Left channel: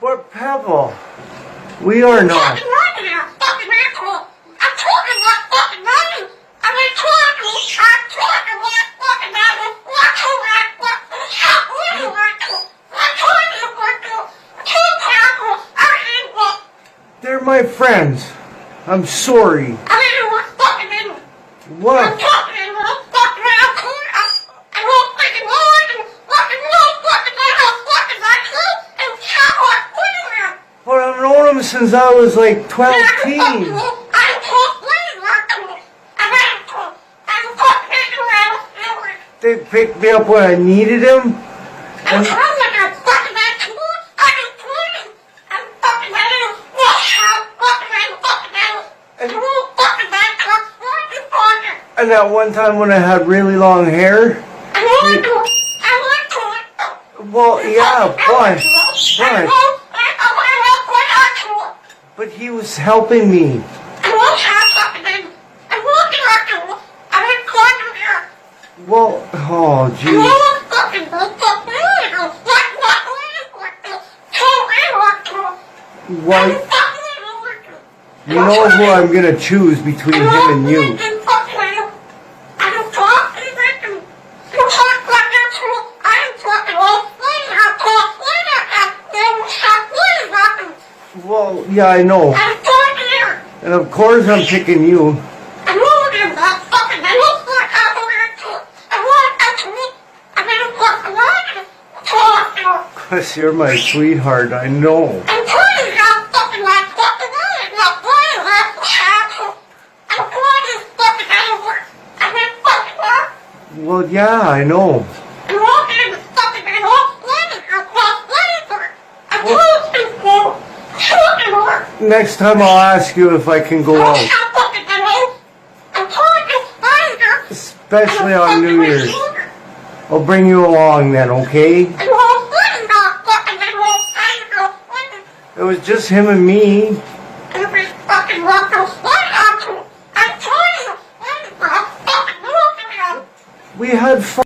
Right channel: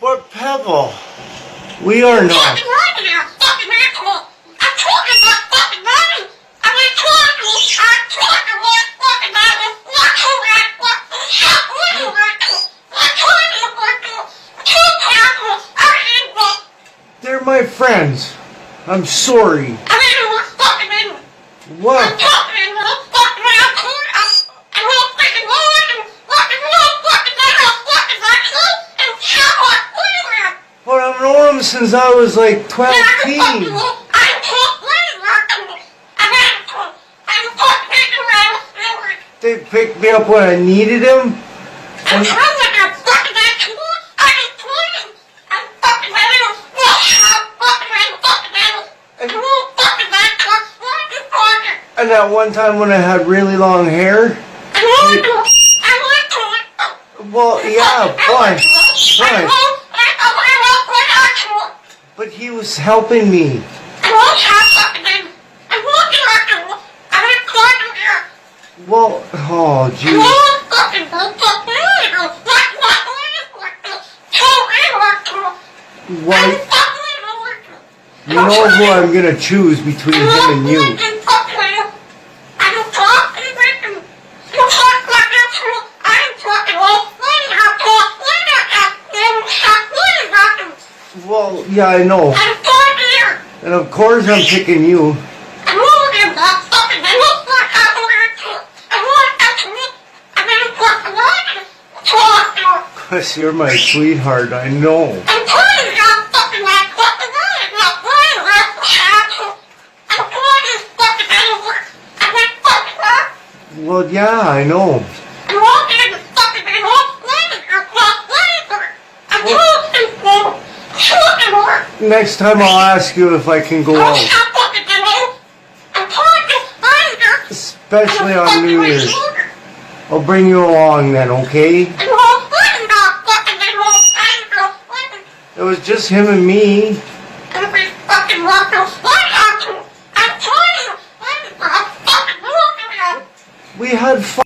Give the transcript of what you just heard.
But Pebble, we are not. They're my friends. I'm sorry. What? But I've known them since I was like 12 teens. They picked me up when I needed them. And that one time when I had really long hair. Well, yeah, but he was helping me. Well, oh, geez. Well, you know who I'm gonna choose between him and you. Well, yeah, I know. And of course I'm picking you. Because you're my sweetheart, I know. Well, yeah, I know. Next time I'll ask you if I can go out. Especially on New Year's. I'll bring you along then, okay? It was just him and me. We had fun.